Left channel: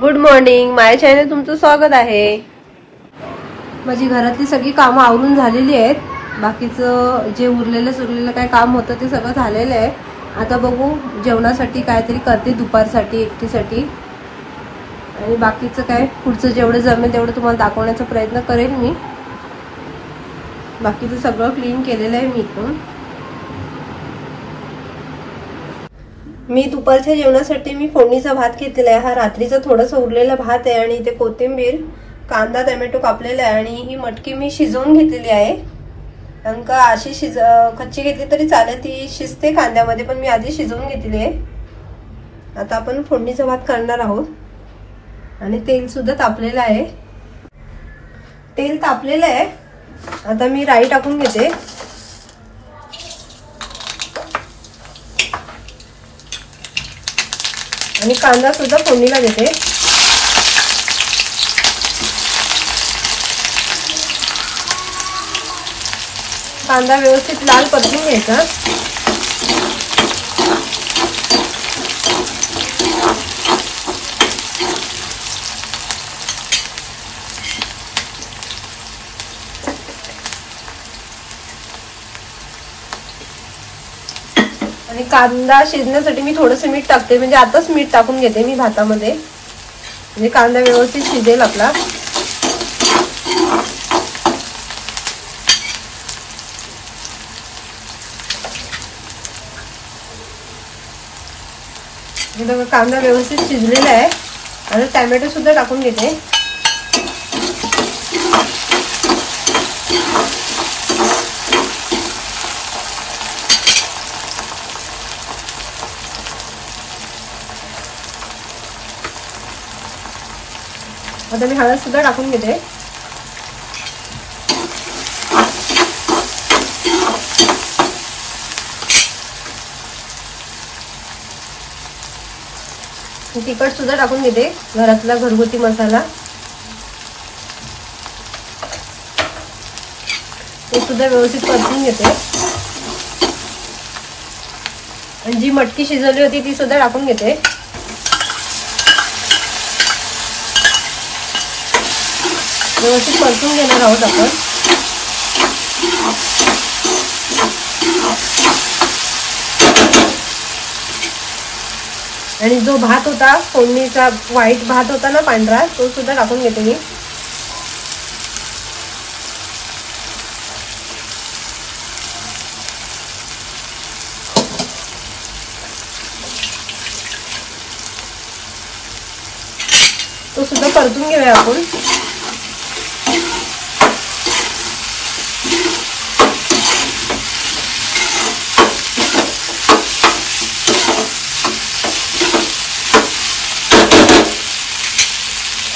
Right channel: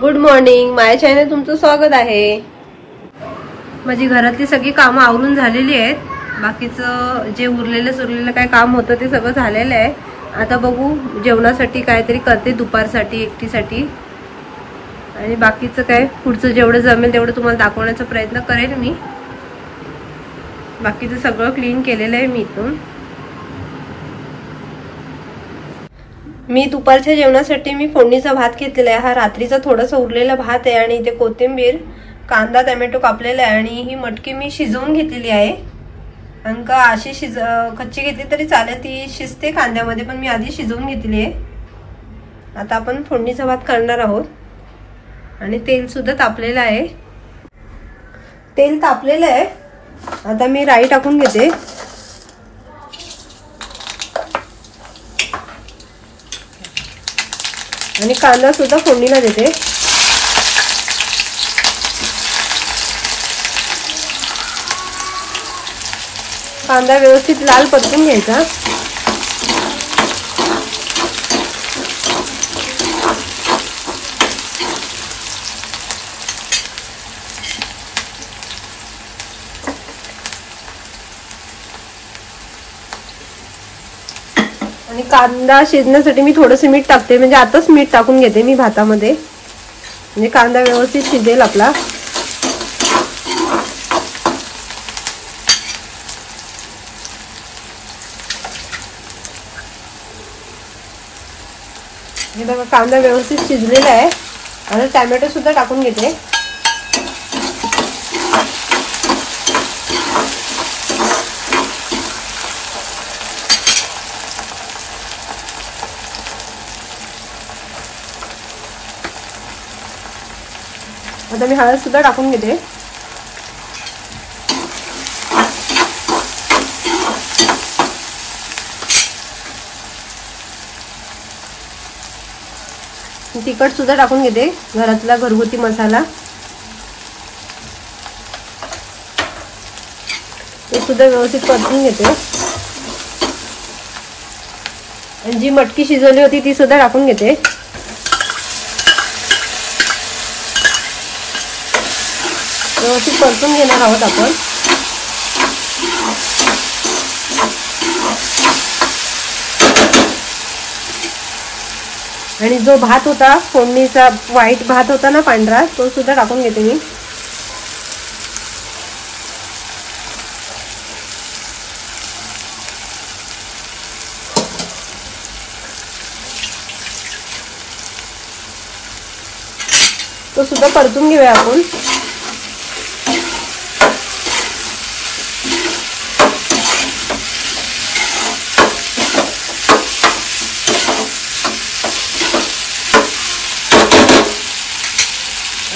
Good morning, माझ्या channel तुमचं स्वागत आहे। माझी घरातली सगळी कामं आवरून झालेली आहेत। बाकीचं जे उरलेलं काय काम होतं ते सगळं झालेलं आहे। आता बघू जेवणासाठी काहीतरी करते दुपारसाठी एकटीसाठी, आणि बाकीचं काय पुढचं जेवढं जमेल तेवढं तुम्हाला दाखवण्याचा प्रयत्न करेल मी। बाकीचं सगळं क्लीन केलेलं आहे मी इथून। मी दुपारच्या जेवणासाठी मी फोडणीचा भात घेतलेला आहे। हा रात्रीचा थोडासा उरलेला भात आहे आणि इथे कोथिंबीर, कांदा, टोमॅटो कापलेला आहे आणि ही मटकी मी शिजवून घेतलेली आहे। कारण का अशी कच्ची घेतली तरी चालेल, ती शिजते कांद्यामध्ये, पण मी आधी शिजवून घेतली आहे। आता आपण फोडणीचा भात करणार आहोत आणि तेल सुद्धा तापलेलं आहे। तेल तापलेलं आहे। आता मी राई टाकून घेते आणि कांदा सुद्धा फोडणीला देते। कांदा व्यवस्थित लाल परतून घ्यायचा। आणि कांदा शिजण्यासाठी मी थोडंसं मीठ टाकते, म्हणजे आताच मीठ टाकून घेते मी भातामध्ये, म्हणजे कांदा व्यवस्थित शिजेल आपला। बघा कांदा व्यवस्थित शिजलेला आहे। आणि टोमॅटो सुद्धा टाकून घेते। आता मी हळद सुद्धा टाकून घेते। तिखट सुद्धा टाकून घेते, घरातला घरगुती मसाला ते सुद्धा व्यवस्थित परतून घेते। आणि जी मटकी शिजवली होती ती सुद्धा टाकून घेते। व्यवस्थित परतून घेणार आहोत आपण। आणि जो भात होता फोडणीचा, व्हाईट भात होता ना पांढरा, तो सुद्धा टाकून घेते मी। तो सुद्धा परतून घेऊया आपण।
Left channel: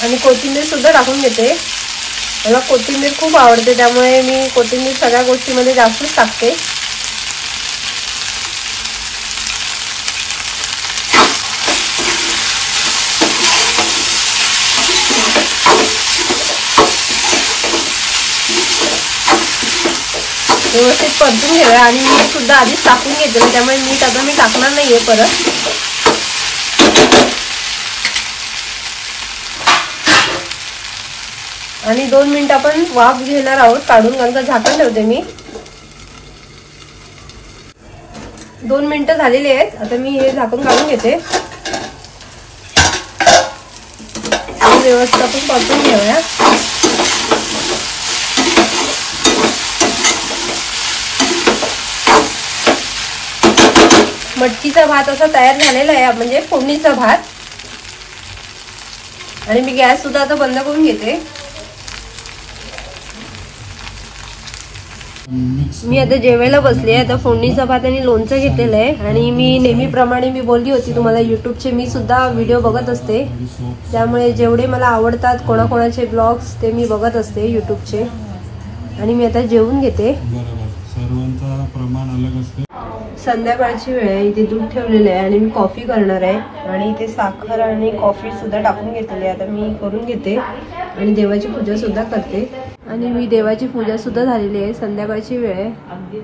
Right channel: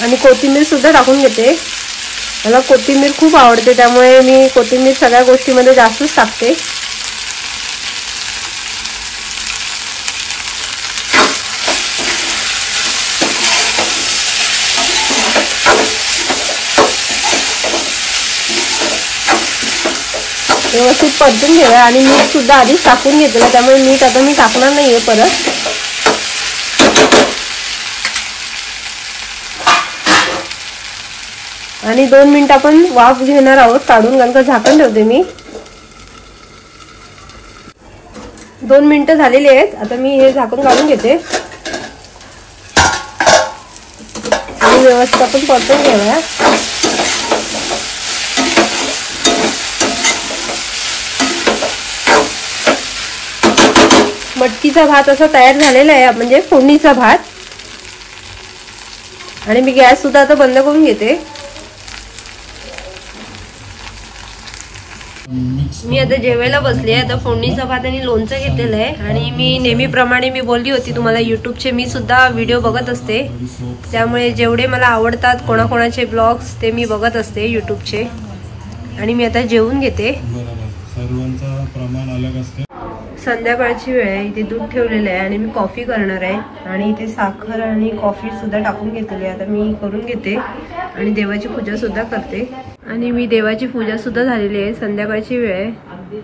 आणि कोथिंबीर सुद्धा टाकून घेते। मला कोथिंबीर खूप आवडते, त्यामुळे मी कोथिंबीर सगळ्या गोष्टींमध्ये जास्तच टाकते। व्यवस्थित परतून घ्या। आणि मीठ सुद्धा आधीच टाकून घेते, त्यामुळे मीठ आता मी टाकणार नाहीये परत। आणि 2 मिनिटं आपण वाफ घेणार आहोत काढून, नंतर झाकण ठेवते मी। 2 मिनिटं झालेली आहेत। आता मी हे झाकून काढून घेते आणि व्यवस्थित आपण परतून घेऊया। मटकीचा भात असा तयार झालेला आहे, म्हणजे फोडणीचा भात। आणि मी गॅस सुद्धा आता बंद करून घेते। मी आता जेवायला बसले। आता फोडणीचा भात आणि लोणचं घेतलेलं आहे। आणि मी नेहमीप्रमाणे मी बोलली होती तुम्हाला, युट्यूबचे मी सुद्धा व्हिडिओ बघत असते, त्यामुळे जेवढे मला आवडतात कोणाकोणाचे ब्लॉग्स ते मी बघत असते युट्यूबचे। आणि मी आता जेवून घेते। सर्वांचा प्रमाण अलग असते। संध्याकाळची वेळ आहे, इथे दूध ठेवलेलं आहे आणि मी कॉफी करणार आहे। आणि इथे साखर आणि कॉफी सुद्धा टाकून घेतलेली आहे। आता मी करून घेते आणि देवाची पूजा सुद्धा करते। आणि मी देवाची पूजा सुद्धा झालेली आहे। संध्याकाळची वेळ आहे,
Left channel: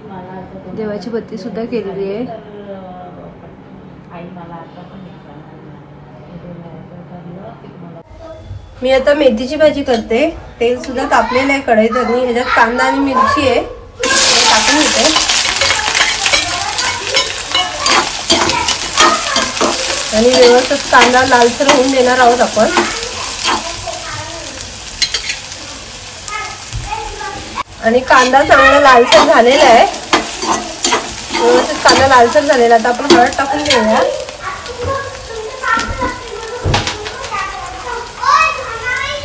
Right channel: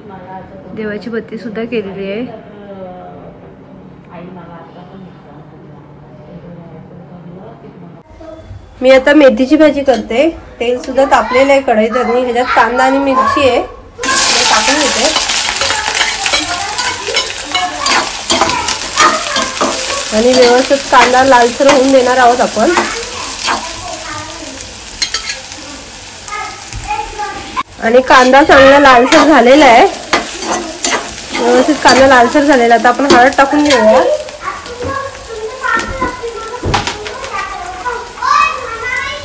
देवाची बत्ती सुद्धा केलेली आहे। मी आता मेथीची भाजी करते. तेल सुद्धा तापलेलं आहे कढईत आणि ह्याच्यात कांदा आणि मिरची आहे टाकून घेते आणि व्यवस्थित कांदा लालसर होऊन देणार आहोत आपण. आणि कांदा चांगला लालसर झालेला आहे. व्यवस्थित कांदा लालसर झालेला आता आपण हळद टाकून घेऊया.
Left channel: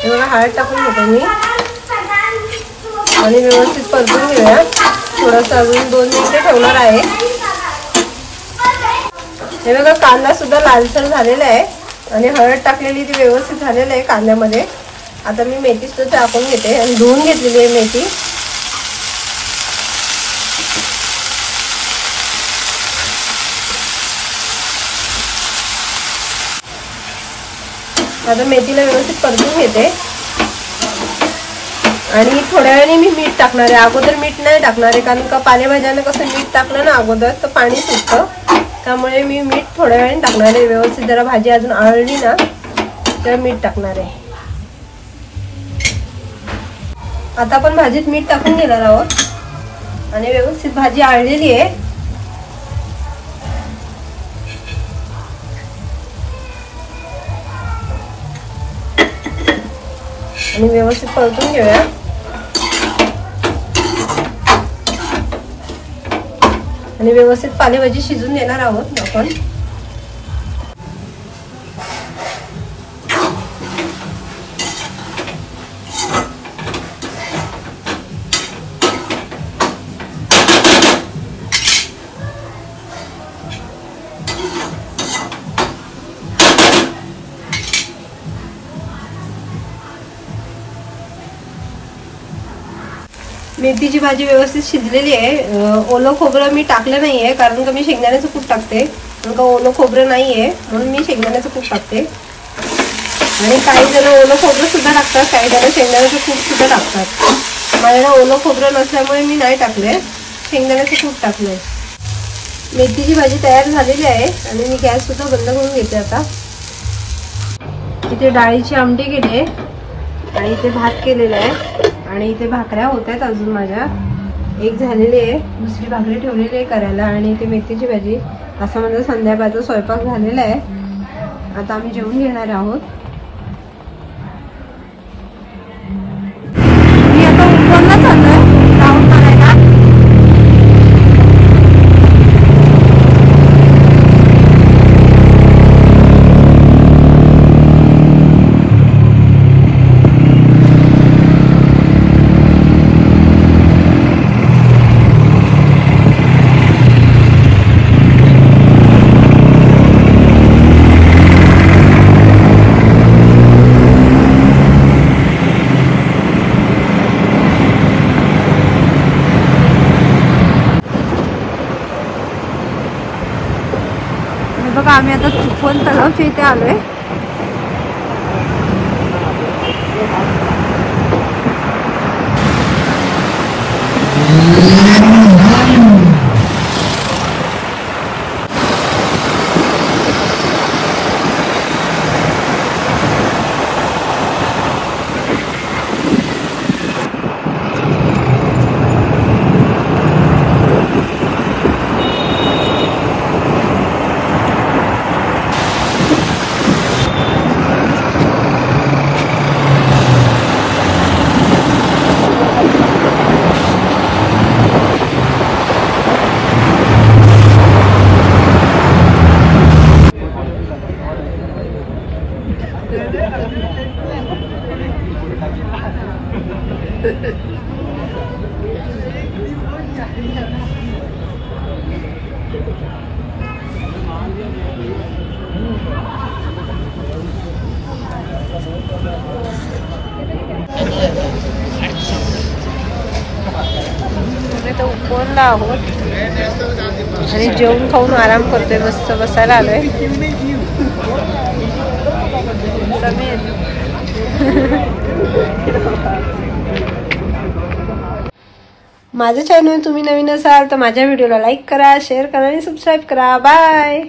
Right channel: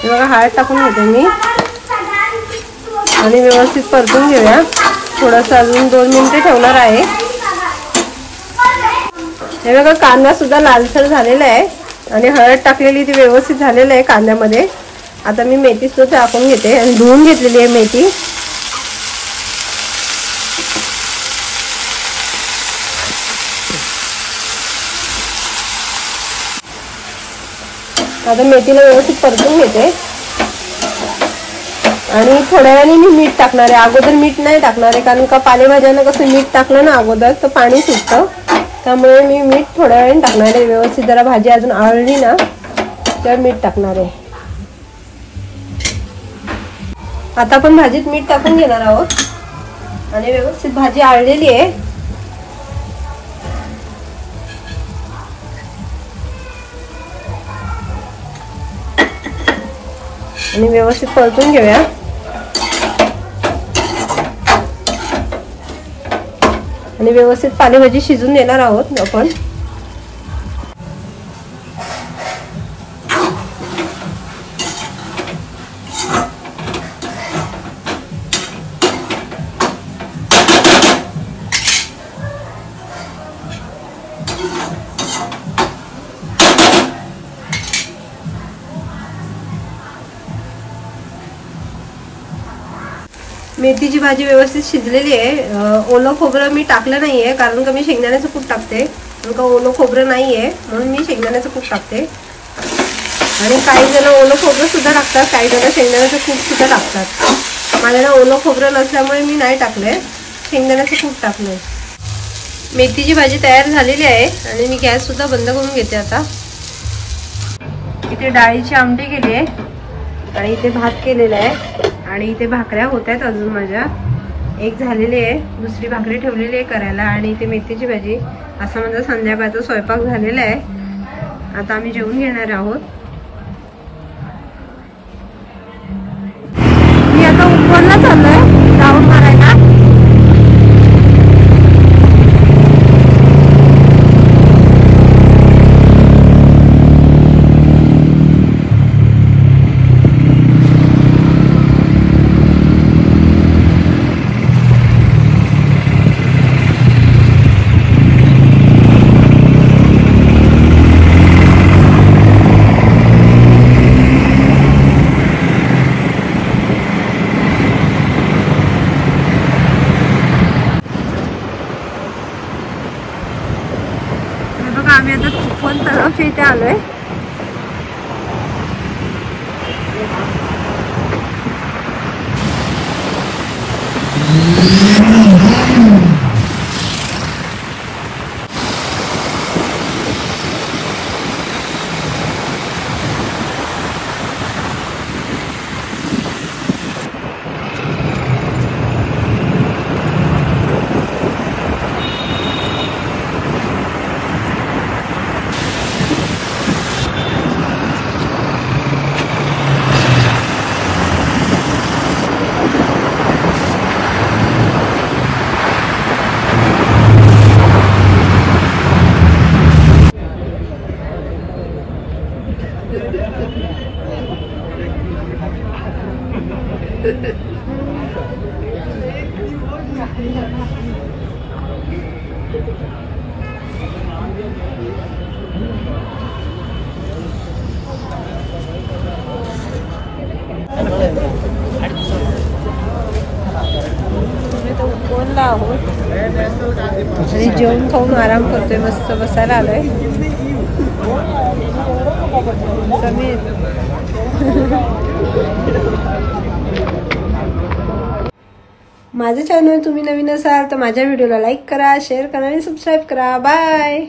बघा हळद टाकून घेते मी आणि व्यवस्थित परतून घेऊया. थोडंसं अजून 2 मिनिटं ठेवणार आहे. हे बघा कांदा सुद्धा लालसर झालेला आहे आणि हळद टाकलेली ती व्यवस्थित झालेलं आहे कांद्यामध्ये. आता मी मेथी सुद्धा टाकून घेते आणि धुवून घेतलेली आहे मेथी. आता मेथीला व्यवस्थित परतून घेते आणि थोड्या वेळाने मी मीठ टाकणार आहे. अगोदर मीठ नाही टाकणार आहे कारण का पालेभाज्यांना कसं मीठ टाकलं ना अगोदर तर पाणी सुटतं. त्यामुळे मी मीठ थोड्या वेळाने टाकणार आहे. व्यवस्थित जरा भाजी अजून आळली ना तर मीठ टाकणार आहे. आता आपण भाजीत मीठ टाकून घेणार आहोत आणि व्यवस्थित भाजी आळलेली आहे. आणि व्यवस्थित परतून घेऊया. आणि व्यवस्थित पालेभाजी शिजून देणार आहोत आपण. मेथीची भाजी व्यवस्थित शिजलेली आहे. ओलं खोबरं मी टाकलं नाहीये कारण का मी शेंगदाण्याचं कूट टाकते. कारण का ओलं खोबरं नाहीये म्हणून मी शेंगदाण्याचं कूट टाकते. आणि काही जण ओलं खोबरं सुद्धा टाकतात, काही जण शेंगदाण्याचं कूट सुद्धा टाकतात. माझ्याला ओलं खोबरं नसल्यामुळे मी नाही टाकलंय, शेंगदाण्याचं कूट टाकलंय. मेथीची भाजी तयार झालेली आहे आणि मी गॅस सुद्धा बंद करून घेते. आता इथे डाळीची आमटी केली आहे आणि इथे भात केलेला आहे आणि इथे भाकऱ्या होत आहेत अजून माझ्या. एक झालेली आहे, दुसरी भाकरी ठेवलेली आहे करायला आणि इथे मेथीची भाजी. असा माझा संध्याकाळचा स्वयंपाक झालेला आहे. आता आम्ही जेवून घेणार आहोत. मी आता उपवनला चाललोय राऊंड मारायला. बघा आम्ही आता चिपळूण तलावच्या इथे आलोय. उपवनला आहोत आणि जेवण खाऊन आराम करतोय. मस्त बसायला आलोय. माझं चॅनल तुम्ही नवीन असाल तर माझ्या व्हिडिओला लाईक करा, शेअर करा आणि सबस्क्राईब करा. बाय.